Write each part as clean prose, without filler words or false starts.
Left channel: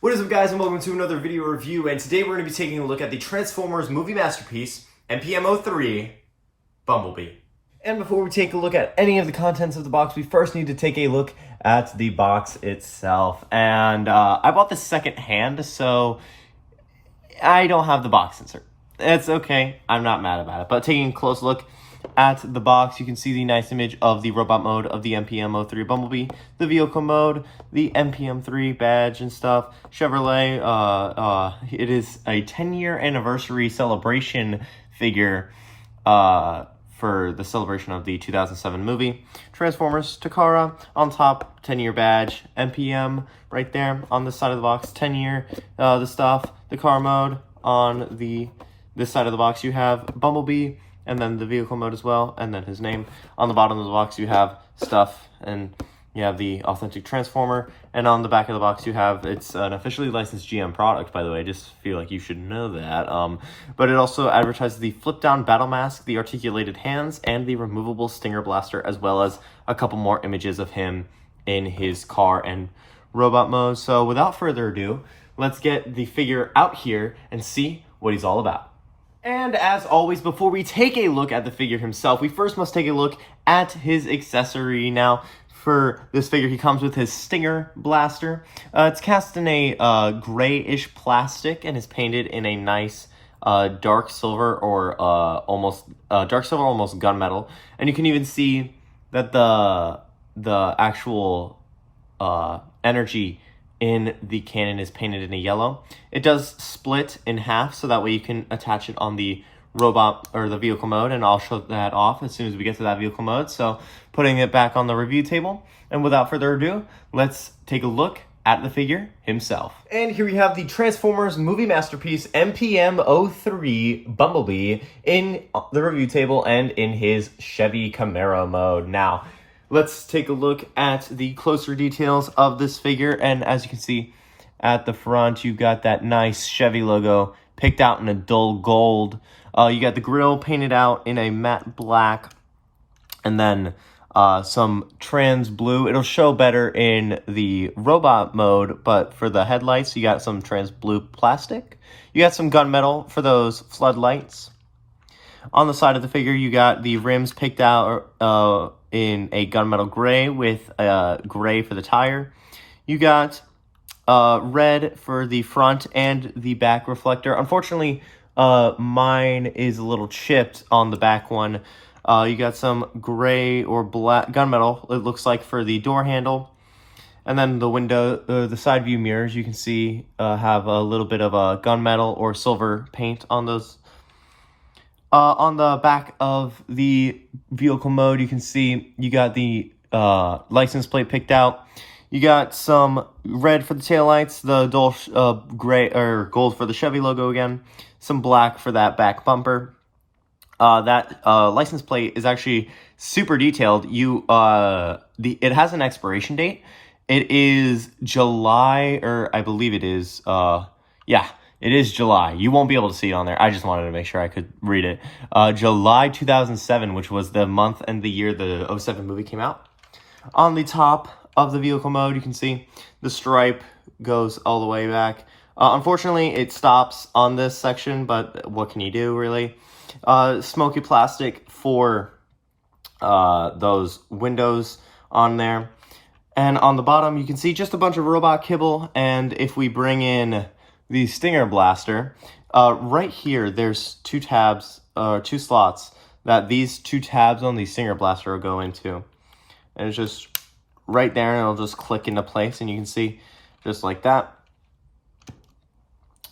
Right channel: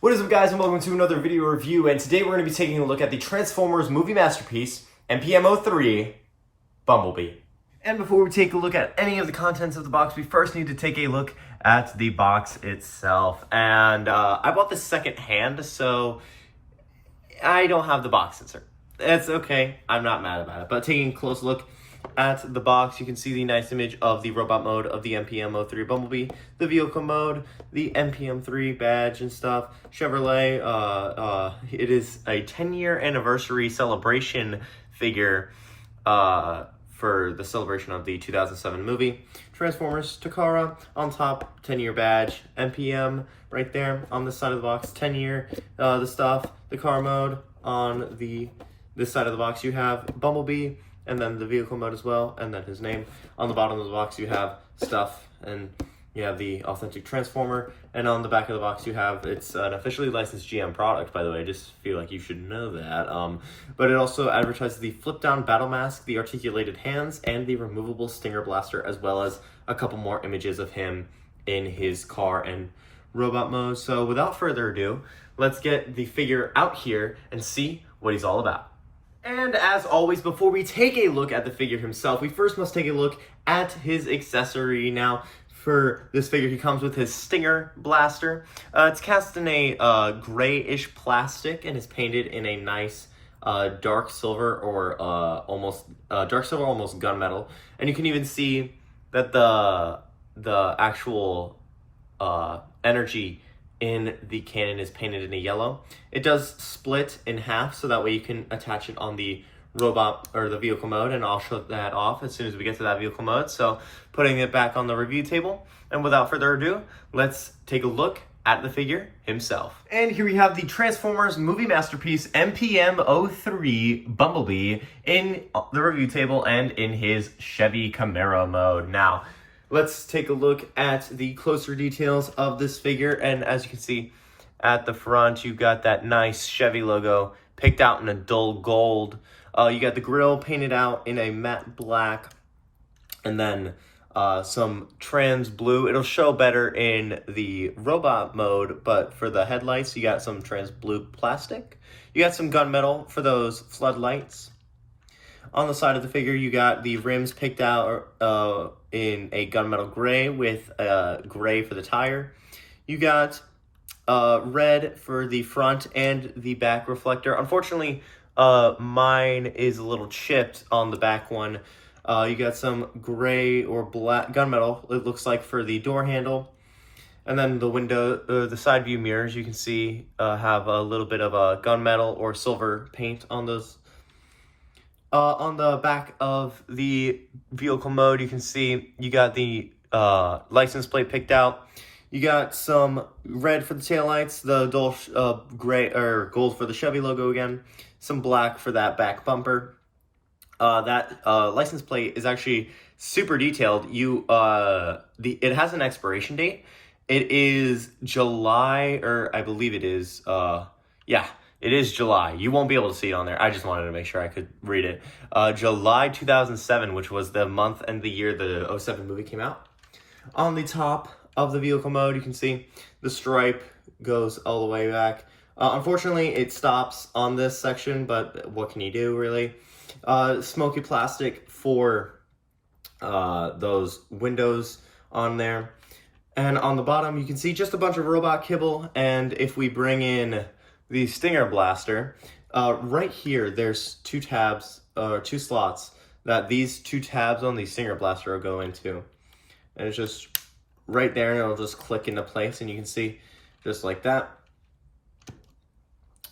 What is up, guys, and welcome to another video review, and today we're going to be taking a look at the Transformers movie masterpiece, MPM-03, Bumblebee. And before we take a look at any of the contents of the box, we first need to take a look at the box itself. And I bought this second hand, so I don't have the box insert. It's okay, I'm not mad about it. But taking a close look at the box, you can see the nice image of the robot mode of the MPM-03 Bumblebee, the vehicle mode, the MPM-03 badge and stuff, Chevrolet. It is a 10-year anniversary celebration figure for the celebration of the 2007 movie. Transformers, Takara, on top, 10-year badge, MPM right there on this side of the box, 10-year, the stuff, the car mode. On this side of the box you have Bumblebee, and then the vehicle mode as well, and then his name. On the bottom of the box you have stuff, and you have the authentic Transformer, and on the back of the box you have, it's an officially licensed GM product, by the way. I just feel like you should know that. But it also advertises the flip-down battle mask, the articulated hands, and the removable Stinger blaster, as well as a couple more images of him in his car and robot mode. So without further ado, let's get the figure out here and see what he's all about. And as always, before we take a look at the figure himself, we first must take a look at his accessory. Now, for this figure, he comes with his Stinger blaster. It's cast in a grayish plastic and is painted in a nice dark silver or almost gunmetal. And you can even see that the actual energy in the cannon is painted in a yellow. It does split in half, so that way you can attach it on the robot or the vehicle mode, and I'll show that off as soon as we get to that vehicle mode. So putting it back on the review table, and without further ado, let's take a look at the figure himself. And here we have the Transformers movie masterpiece MPM-03 Bumblebee in the review table and in his Chevy Camaro mode. Now, let's take a look at the closer details of this figure, and as you can see at the front, you got that nice Chevy logo picked out in a dull gold. You got the grille painted out in a matte black, and then some trans blue. It'll show better in the robot mode, but for the headlights, you got some trans blue plastic. You got some gunmetal for those floodlights. On the side of the figure, you got the rims picked out in a gunmetal gray with gray for the tire. You got red for the front and the back reflector. Unfortunately, mine is a little chipped on the back one. You got some gray or black gunmetal, it looks like, for the door handle. And then the window, the side view mirrors, you can see have a little bit of a gunmetal or silver paint on those. On the back of the vehicle mode, you can see you got the license plate picked out. You got some red for the taillights, the dull gray or gold for the Chevy logo again, some black for that back bumper. That license plate is actually super detailed. It has an expiration date. It is July, or I believe it is, yeah. It is July. You won't be able to see it on there. I just wanted to make sure I could read it. July 2007, which was the month and the year the 07 movie came out. On the top of the vehicle mode, you can see the stripe goes all the way back. Unfortunately, it stops on this section, but what can you do, really? Smoky plastic for those windows on there. And on the bottom, you can see just a bunch of robot kibble. And if we bring in the Stinger blaster, right here, there's two slots that these two tabs on the Stinger blaster will go into. And it's just right there, and it'll just click into place, and you can see just like that.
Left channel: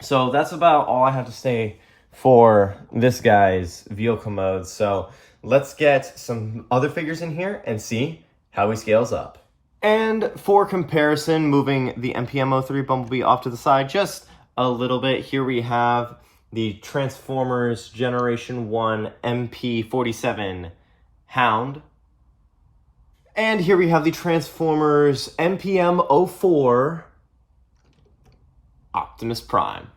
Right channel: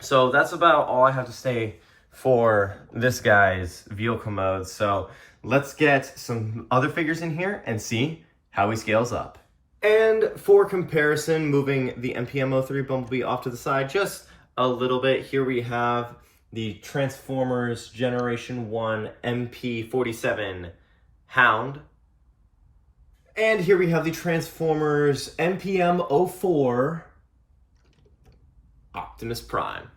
So that's about all I have to say for this guy's vehicle mode. So let's get some other figures in here and see how he scales up. And for comparison, moving the MPM-03 Bumblebee off to the side just a little bit, here we have the Transformers Generation 1 MP-47 Hound. And here we have the Transformers MPM-04 Optimus Prime.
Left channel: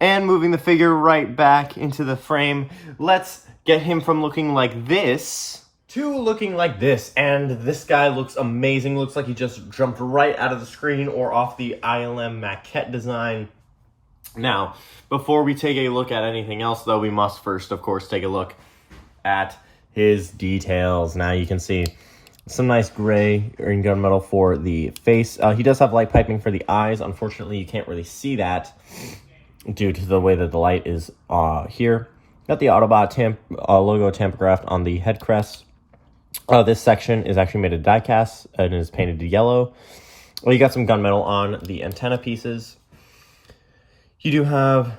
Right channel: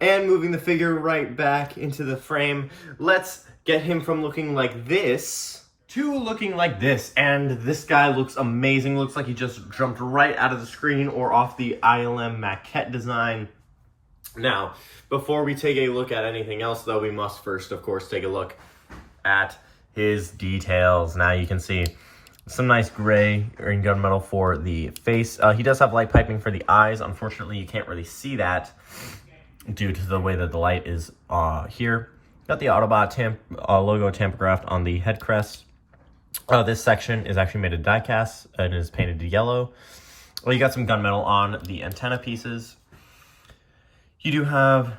And moving the figure right back into the frame, let's get him from looking like this to looking like this. And this guy looks amazing. Looks like he just jumped right out of the screen or off the ILM maquette design. Now, before we take a look at anything else, though, we must first, of course, take a look at his details. Now you can see some nice gray green gunmetal for the face. He does have light piping for the eyes. Unfortunately, you can't really see that due to the way that the light is here. Got the Autobot logo tampographed on the head crest. This section is actually made of die cast and is painted yellow. Well, you got some gunmetal on the antenna pieces. You do have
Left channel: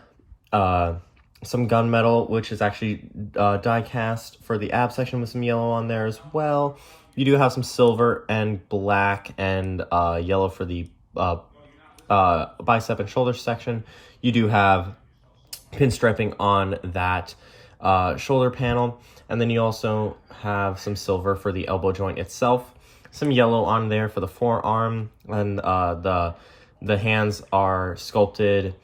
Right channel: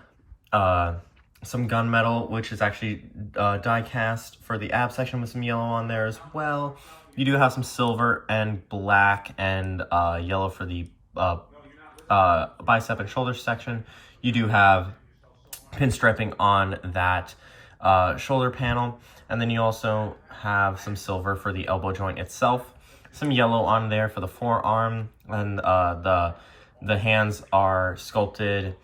some gunmetal, which is actually die cast for the ab section with some yellow on there as well. You do have some silver and black and yellow for the bicep and shoulder section. You do have pinstriping on that shoulder panel. And then you also have some silver for the elbow joint itself. Some yellow on there for the forearm. And the hands are sculpted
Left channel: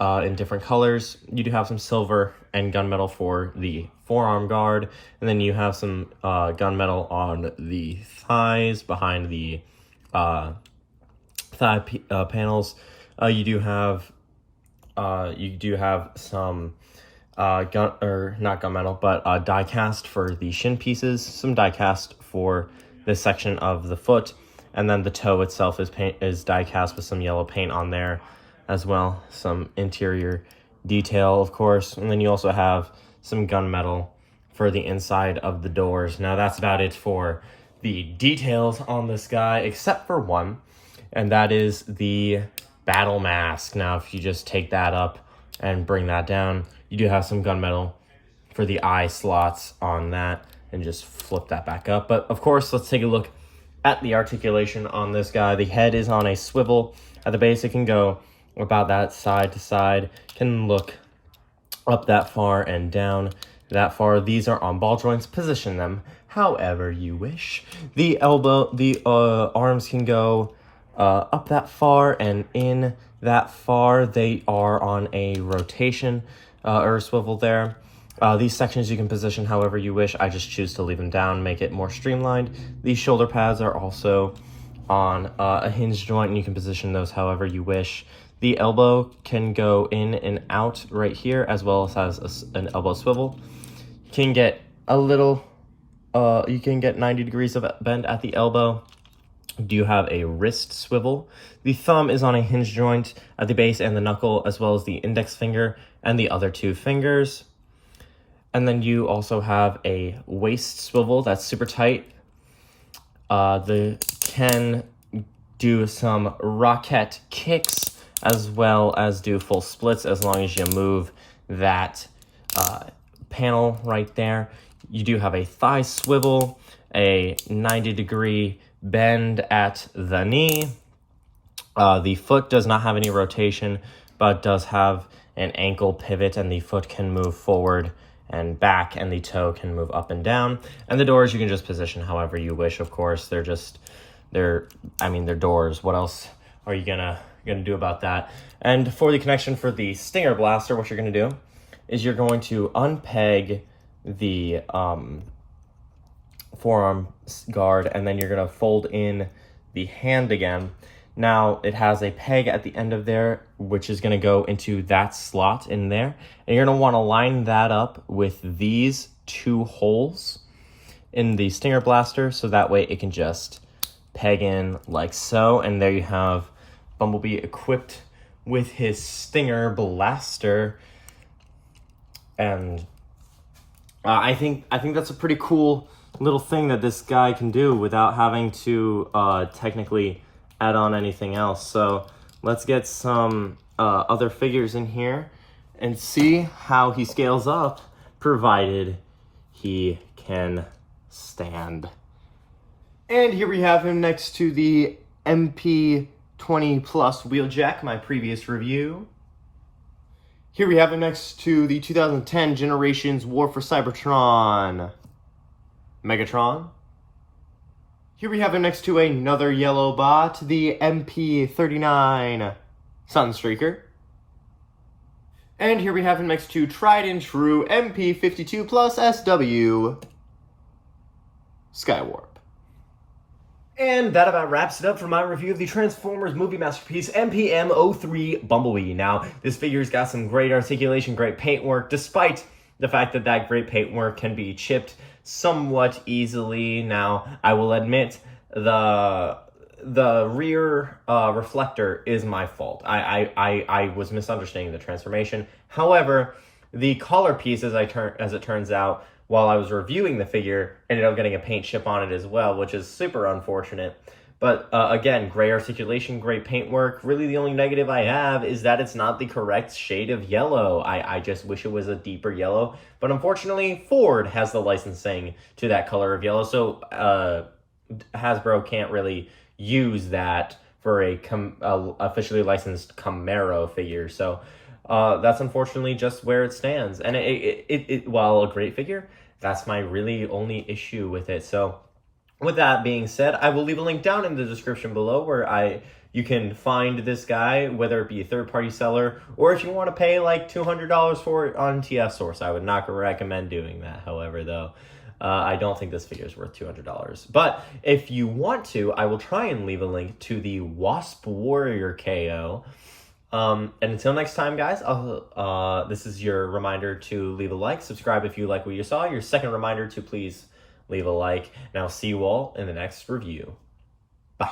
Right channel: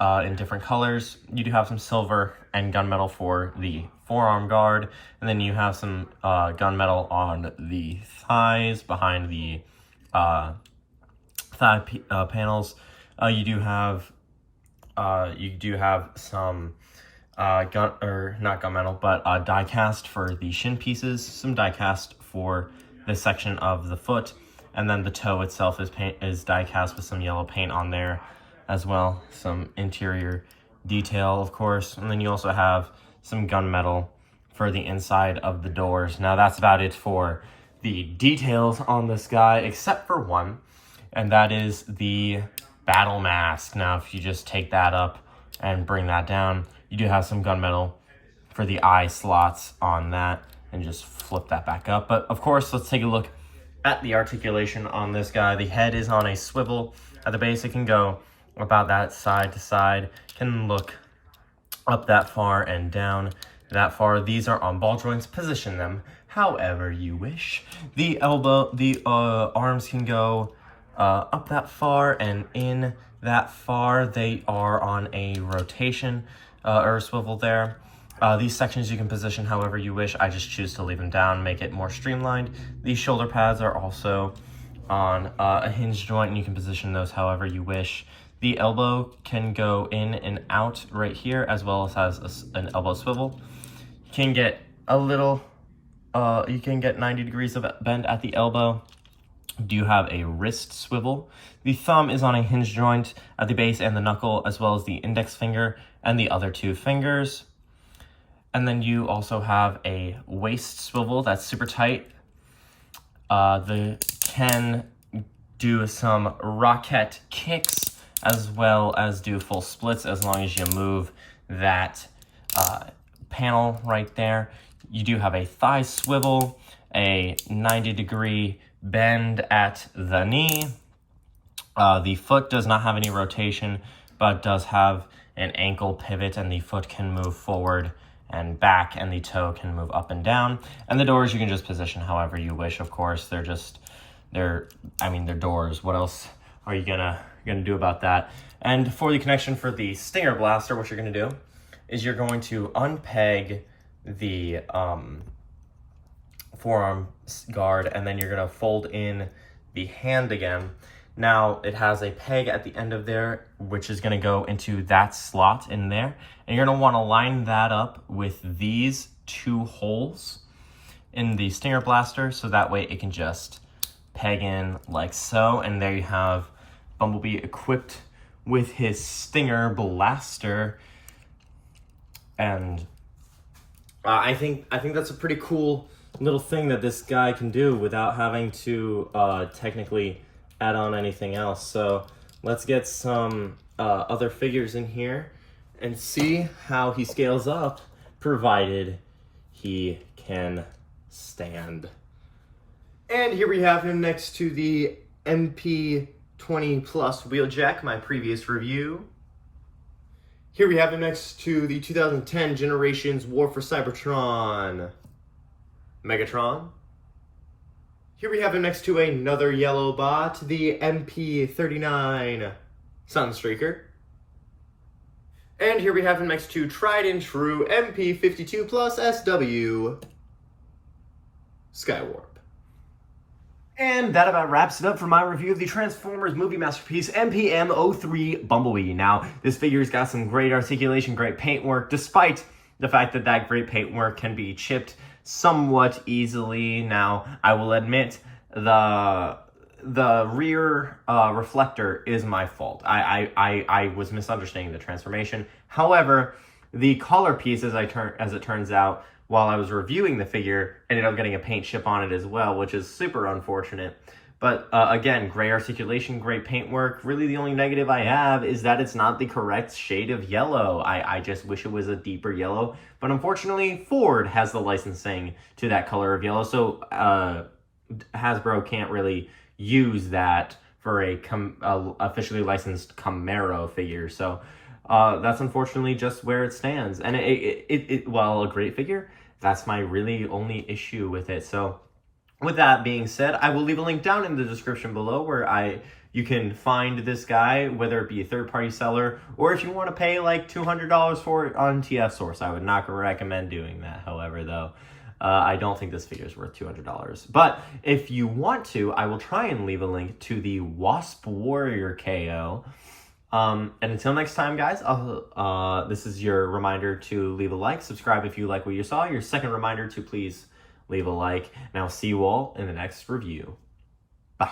in different colors. You do have some silver and gunmetal for the forearm guard, and then you have some gunmetal on the thighs behind the thigh panels. You do have some not gunmetal, but die cast for the shin pieces. Some die cast for this section of the foot, and then the toe itself is die cast with some yellow paint on there as well. Some interior detail, of course. And then you also have some gunmetal for the inside of the doors. Now that's about it for the details on this guy, except for one, and that is the battle mask. Now if you just take that up and bring that down, you do have some gunmetal for the eye slots on that, and just flip that back up. But of course, let's take a look at the articulation on this guy. The head is on a swivel. At the base, it can go about that side to side, can look up that far and down that far. These are on ball joints. Position them however you wish. The arms can go up that far and in that far. They are on a rotation or a swivel there. These sections you can position however you wish. I just choose to leave them down, make it more streamlined. These shoulder pads are also on a hinge joint, and you can position those however you wish. The elbow can go in and out right here, as well as an elbow swivel. You can get a little, you can get 90 degrees of bend at the elbow. Do you have a wrist swivel? The thumb is on a hinge joint at the base and the knuckle, as well as the index finger and the other two fingers. And then you also have a waist swivel that's super tight. They can do some rocket kicks, as well as do full splits, as long as you move that panel right there. You do have a thigh swivel, a 90-degree bend at the knee. The foot does not have any rotation, but does have an ankle pivot, and the foot can move forward and back, and the toe can move up and down. And the doors you can just position however you wish, of course. They're doors. What else are you gonna do about that? And for the connection for the Stinger blaster, what you're gonna do is you're going to unpeg the forearm guard, and then you're gonna fold in the hand again. Now it has a peg at the end of there, which is gonna go into that slot in there, and you're gonna want to line that up with these two holes in the Stinger blaster, so that way it can just peg in like so. And there you have Bumblebee equipped with his Stinger blaster. And I think that's a pretty cool little thing that this guy can do without having to technically add on anything else. So let's get some other figures in here and see how he scales up, provided he can stand. And here we have him next to the MP-20 Plus Wheeljack, my previous review. Here we have him next to the 2010 Generations War for Cybertron Megatron. Here we have him next to another yellow bot, the MP-39 Sunstreaker. And here we have him next to tried and true MP-52 Plus SW. Skywarp. And that about wraps it up for my review of the Transformers movie masterpiece, MPM-03 Bumblebee. Now, this figure's got some great articulation, great paintwork, despite the fact that that great paintwork can be chipped somewhat easily. Now, I will admit, the rear reflector is my fault. I was misunderstanding the transformation. However, the collar piece, as it turns out, while I was reviewing the figure, ended up getting a paint chip on it as well, which is super unfortunate. But again, great articulation, great paintwork. Really the only negative I have is that it's not the correct shade of yellow. I just wish it was a deeper yellow. But unfortunately, Ford has the licensing to that color of yellow, so Hasbro can't really use that for a officially licensed Camaro figure. So that's unfortunately just where it stands. And while a great figure, that's my really only issue with it. So with that being said, I will leave a link down in the description below where you can find this guy, whether it be a third-party seller, or if you want to pay like $200 for it on TF Source. I would not recommend doing that, however, though. I don't think this figure is worth $200. But if you want to, I will try and leave a link to the Wasp Warrior KO. And until next time, guys, this is your reminder to leave a like, subscribe if you like what you saw. Your second reminder to please leave a like. And I'll see you all in the next review. Bye.